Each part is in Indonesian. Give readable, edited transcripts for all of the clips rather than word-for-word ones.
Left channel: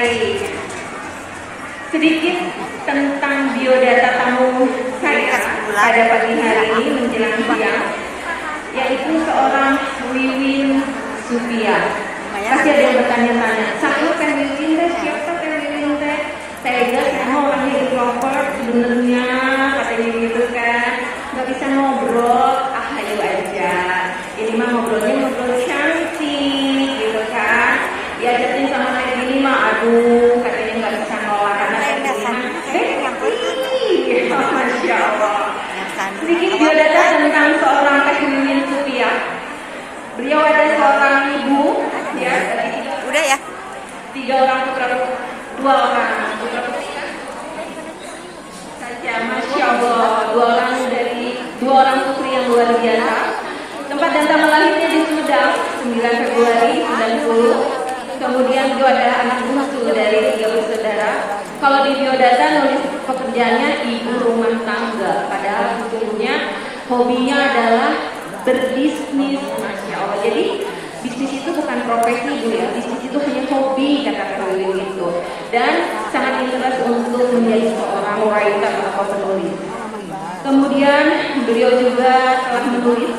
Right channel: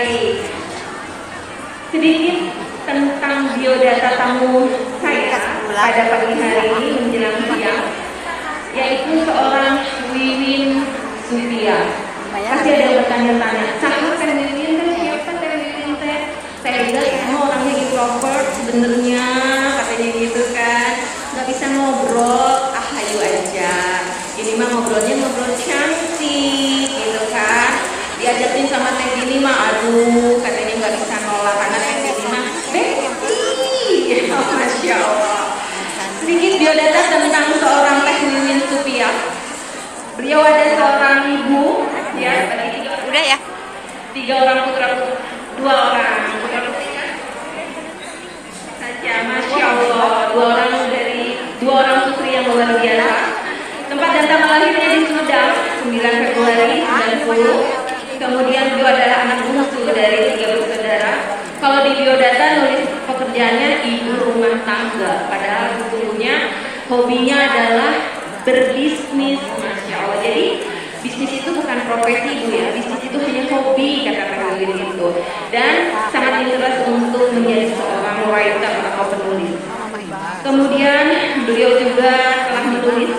Baik. Sedikit tentang biodata tamu saya pada pagi hari ini menjelang siang, yaitu seorang Wiwin Sufia. Pasti ada yang bertanya-tanya, siapa Teh Wiwin teh? Siapa Teh Wiwin teh? Saya bilang saya mau orangnya introvert sebenarnya, katanya gitu kan, nggak bisa ngobrol, ayo aja. Ini mah ngobrol cantik, gitu kan. Diajakin sama Teh Gini mah, aduh, katanya nggak bisa nolak karena Teh Gini mah, Masya Allah. Sedikit biodata tentang seorang Teh Wiwin Sufia. Beliau ada seorang ibu, ya, Udah ya? 3 orang putra, 2 orang putra putrinya saja, Masya Allah, 2 orang putri yang luar biasa. Tempat dan tanggal lahirnya di Sumedang, 9 Februari 90. Kemudian beliau adalah anak bungsu dari 3 bersaudara. Kalau di biodata nulis pekerjaannya ibu rumah tangga, padahal sebelumnya hobinya adalah berbisnis. Masya Allah. Jadi bisnis itu bukan profesi Bu ya, bisnis itu hanya hobi, kata Wiwin itu. Dan sangat interest untuk menjadi seorang writer atau penulis. Kemudian beliau juga telah menulis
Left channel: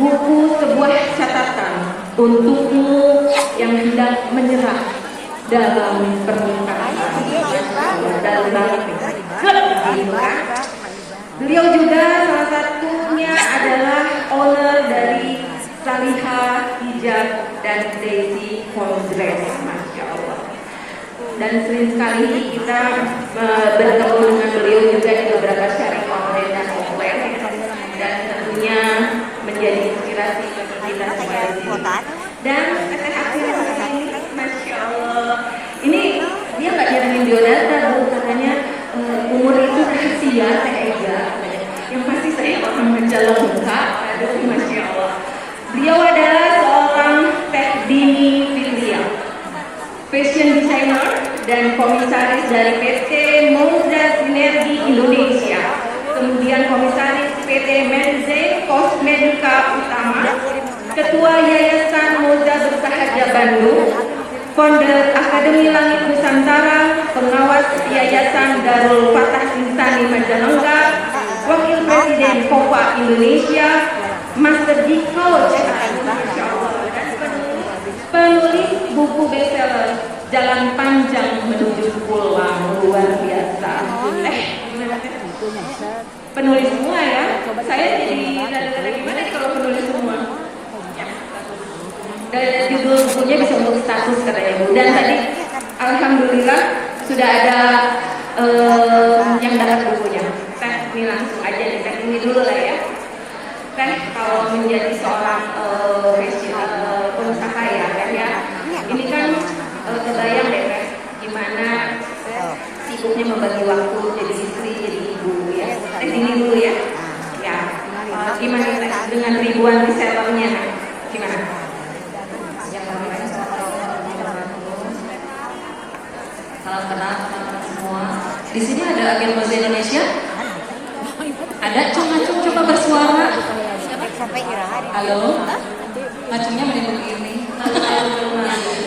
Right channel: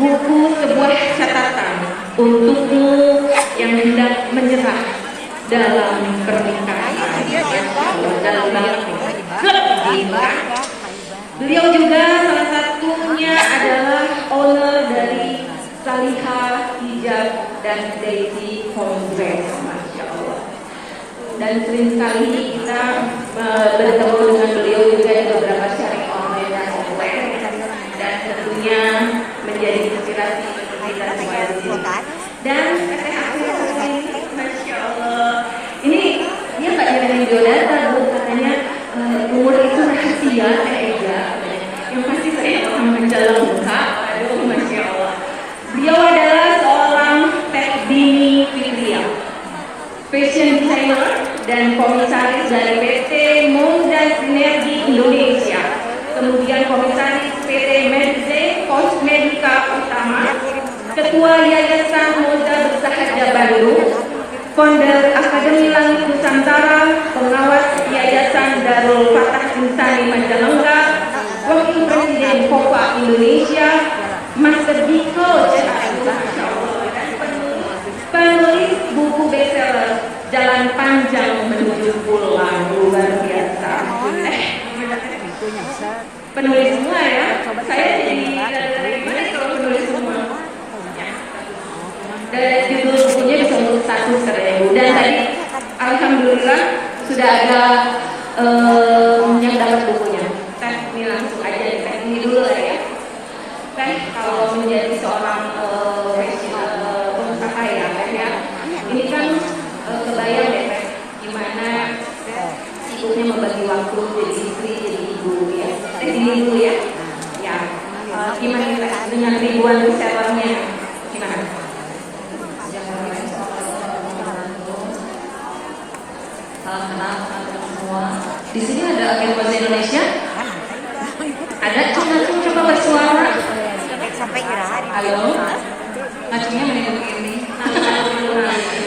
buku sebuah catatan untukmu yang hendak menyerah dalam pernikahan. Beliau juga salah satunya adalah owner dari Salihah Hijab dan Crazy Congress, Masya Allah. Dan sering sekali kita bertemu dengan beliau juga di beberapa syarikat dan offline, dan tentunya menjadi inspirasi dan Masya Allah. Ini dia nggak nyerahin biodata Bu, katanya umur itu rahasia Ega. Yang pasti saya akan menjalan muka. Aduh, Masya Allah. Beliau adalah seorang Teh Dini Fitria, fashion designer dan komisaris dari PT Moda Sinergi Indonesia, kemudian komisaris PT Medze Kosmetika Utama, ketua Yayasan Moda Bersahaja Bandung, founder Akademi Langit Nusantara, pengawas Yayasan Darul Fatah Insani Majalengka, wakil presiden Kopa Indonesia, Master Diko, penulis buku bestseller Jalan Panjang Menuju Pulang, luar biasa. Penulis semua ya. Saya jadi gimana kalau penulis semua? Judul bukunya disebut status katanya. Dan tadi alhamdulillah sudah ada yang dapat bukunya. Teh ini langsung aja Teh ini dulu lah ya. Teh kalau menjadi seorang pengusaha ya kan ya. Ini kan kebayang ya Teh gimana sibuknya membagi waktu jadi istri, jadi ibu ya. Teh ini dulu ya. Ya. Gimana Teh dengan ribuan resellernya gimana? Di sini ada yang bahasa Indonesia? Ada, coba bersuara. Sampai kira-kira. Halo, maksudnya mending begini.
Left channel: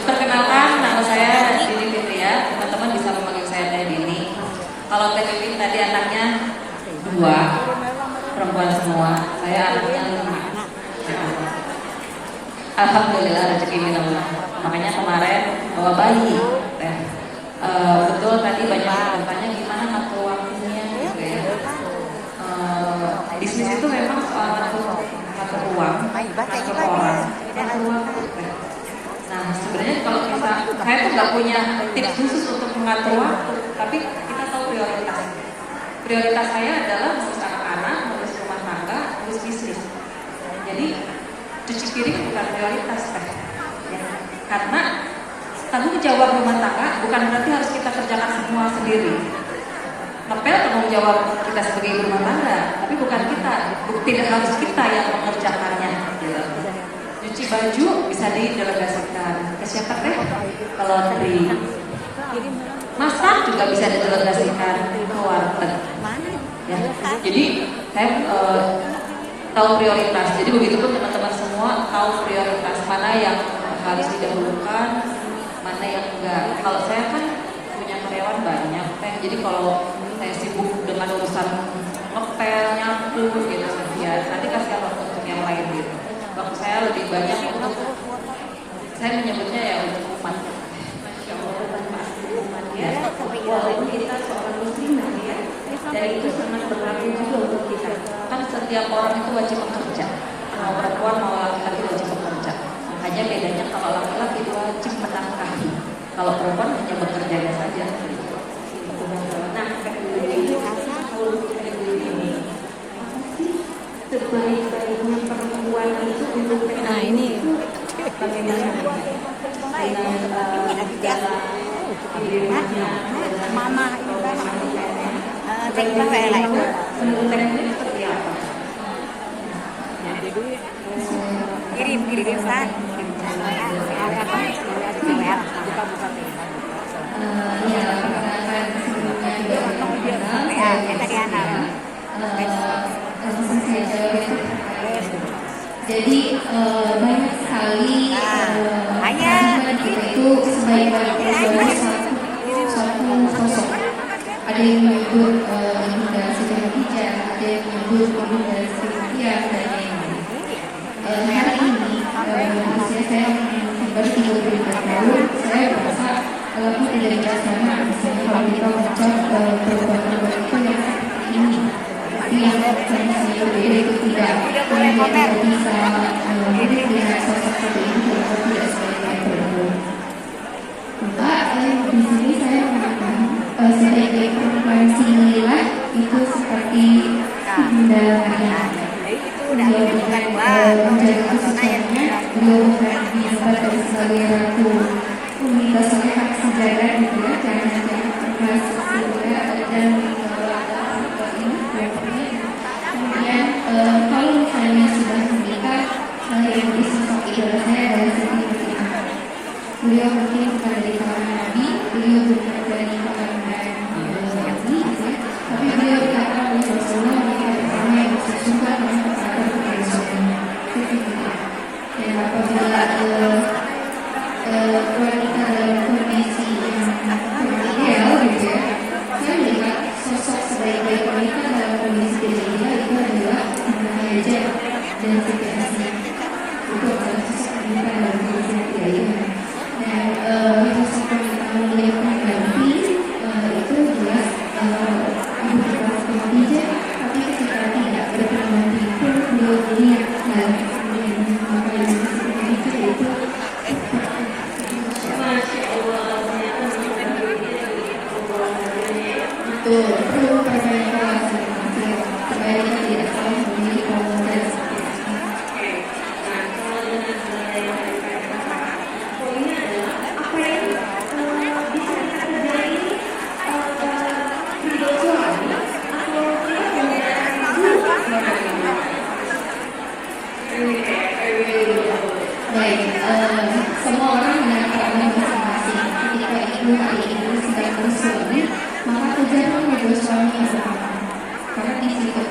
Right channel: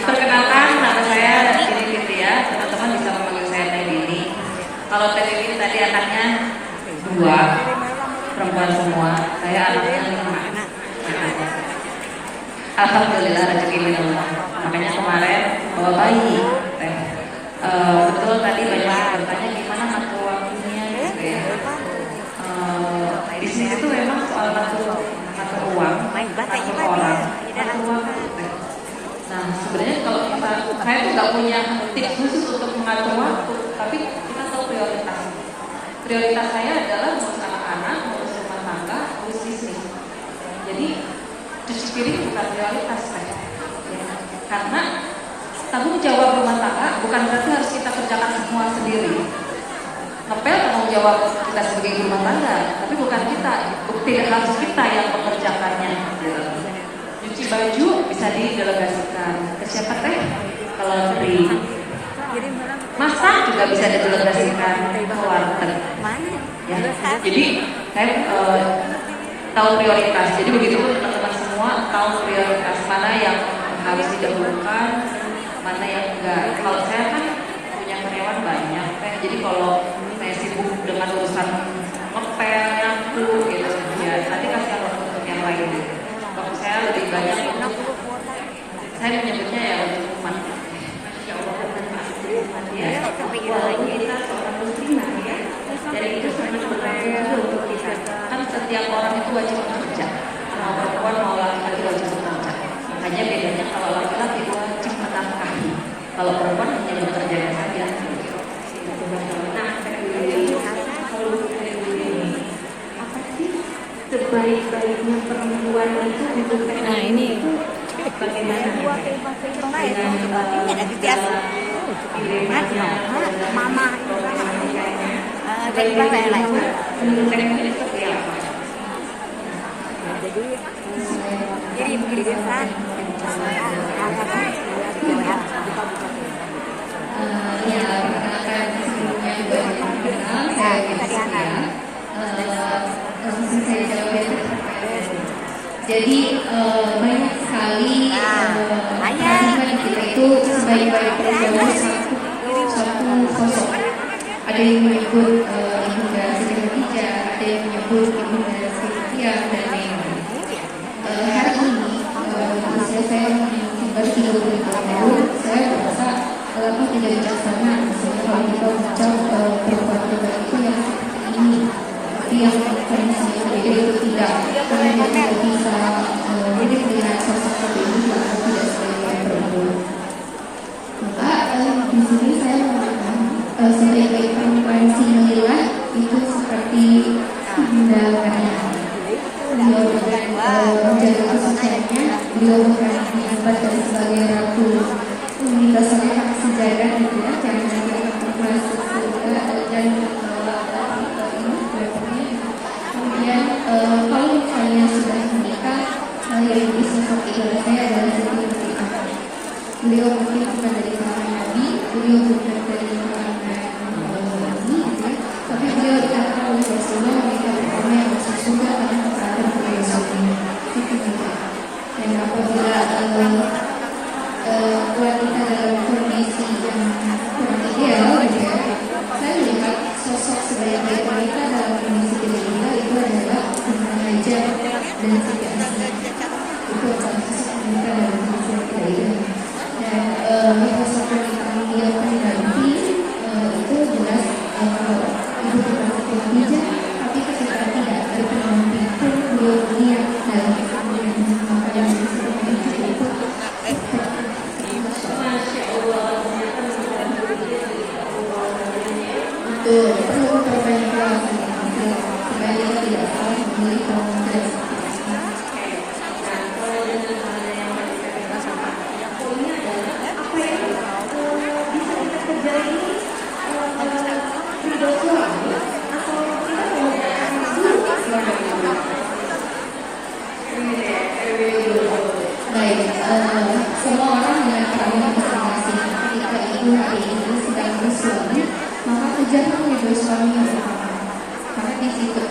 Perkenalkan, nama saya Dini Fitria. Teman-teman bisa memanggil saya Teh Dini. Kalau Teh Dini tadi anaknya 2, perempuan semua. Saya anaknya 5. Alhamdulillah rezeki minallah. Makanya kemarin bawa bayi. Betul tadi banyak bertanya gimana ngatur waktunya gitu ya. Bisnis itu memang soal ngatur uang. Nah sebenarnya kalau saya tuh nggak punya tips khusus untuk mengatur waktu, tapi kita tahu prioritas. Prioritas saya adalah ngurus anak-anak, ngurus rumah tangga, ngurus bisnis. Jadi cuci piring bukan prioritas saya, ya. Karena tanggung jawab rumah tangga bukan berarti harus kita kerjakan semua sendiri. Ngepel tanggung jawab kita sebagai ibu rumah tangga, tapi bukan kita, tidak harus kita yang mengerjakannya. Gitu. Cuci baju bisa didelegasikan ke siapa Teh? Kalau laundry. Masak juga bisa didelegasikan ke warteg. Ya. Jadi saya tahu prioritas. Jadi begitu pun teman-teman semua tahu prioritas mana yang harus didahulukan, mana yang enggak. Kalau saya kan nyebutnya ya hukuman. Masya Allah, ya. Sampai ira lagi. Kita seorang muslim ya. Jadi itu sangat berlaku juga untuk kita. Kan setiap orang itu wajib bekerja. Mau perempuan mau laki-laki wajib bekerja. Makanya bedanya kalau laki-laki itu wajib menafkahi. Kalau perempuan hanya bekerja saja. Nah, sebaik-baiknya perempuan itu untuk Nah, ini. Mama Jadi bawa yang lain. kirim pesan. Jadi banyak sekali kita itu sebagai sosok. Ada yang menyebut Ibunda Siti Khadijah, ada yang menyebut Ibunda Siti dan lain-lain. Hari ini saya ingin bersyukur dahulu. Saya merasa lagu tidak bijaksana. Misalnya kalau kita baca perbuatan itu yang seperti ini, itu yang kondisinya berbeda itu tidak. Tidak bisa hidup dengan sosok seperti ini atau tidak sebagai perempuan. Maka di sini saya mengatakan sebagai preferensi nilai itu seperti Ibunda Khadijah. Beliau menjadi khususnya beliau bukan diangkat sebagai ratu rasanya sejarah gitu ya, karena dia pernah sesudah dan kemudian kalau saya sudah menikah, saya yang sosok idola saya adalah Siti Khadijah. Beliau mungkin bukan dari kalangan Nabi, beliau bukan dari kalangan Nabi, tapi beliau diangkat oleh Rasulullah yang sesungguhnya karena kesalahan beliau Rasulullah. Dan apabila wanita dalam kondisi yang kurang ideal gitu ya, saya melihat sosok sebaik-baik wanita dalam kondisi tidak ideal itu adalah Ibunda Khadijah dan Siti Asma. Itu adalah sosok wanita dalam kondisi yang tidak ideal. Dan sosok wanita yang beliau pribadi itu jelas ibu Khadijah, tapi ketika tidak berpengaruh itu beliau melihat dan semua orang dengan peranan masing-masing. Ketika ibu hari ini sedang bersuami, maka kejarlah kedua suami yang bersama. Karena di situ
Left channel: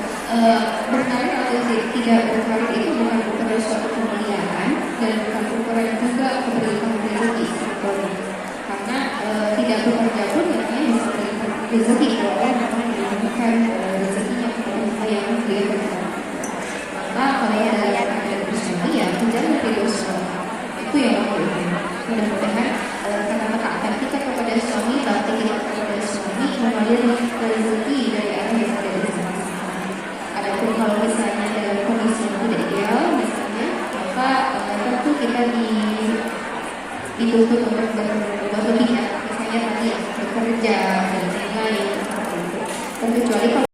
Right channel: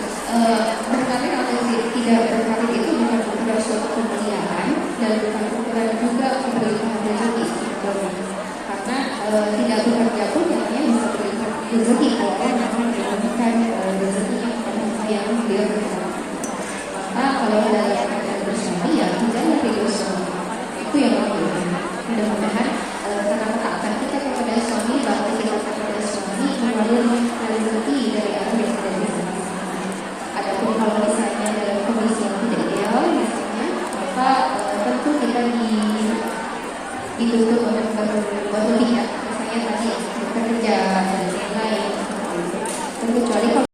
berkarir atau tidak berkarir itu bukan ukuran suatu kemuliaan dan bukan ukuran juga memberikan rezeki sebetulnya. Karena tidak bekerja pun katanya bisa memberikan rezeki, karena akan diberikan rezekinya kepada yang berbeda. Maka kalau ada bersama ya kejarlah kedua suami. Itu yang berbeda. Mudah-mudahan kita mengatakan kita kepada suami, bahkan kita kepada suami memberi rezeki dari apa yang ada bersama. Adapun kalau misalnya dalam kondisi yang tidak ideal, misalnya, maka tentu kita dituntut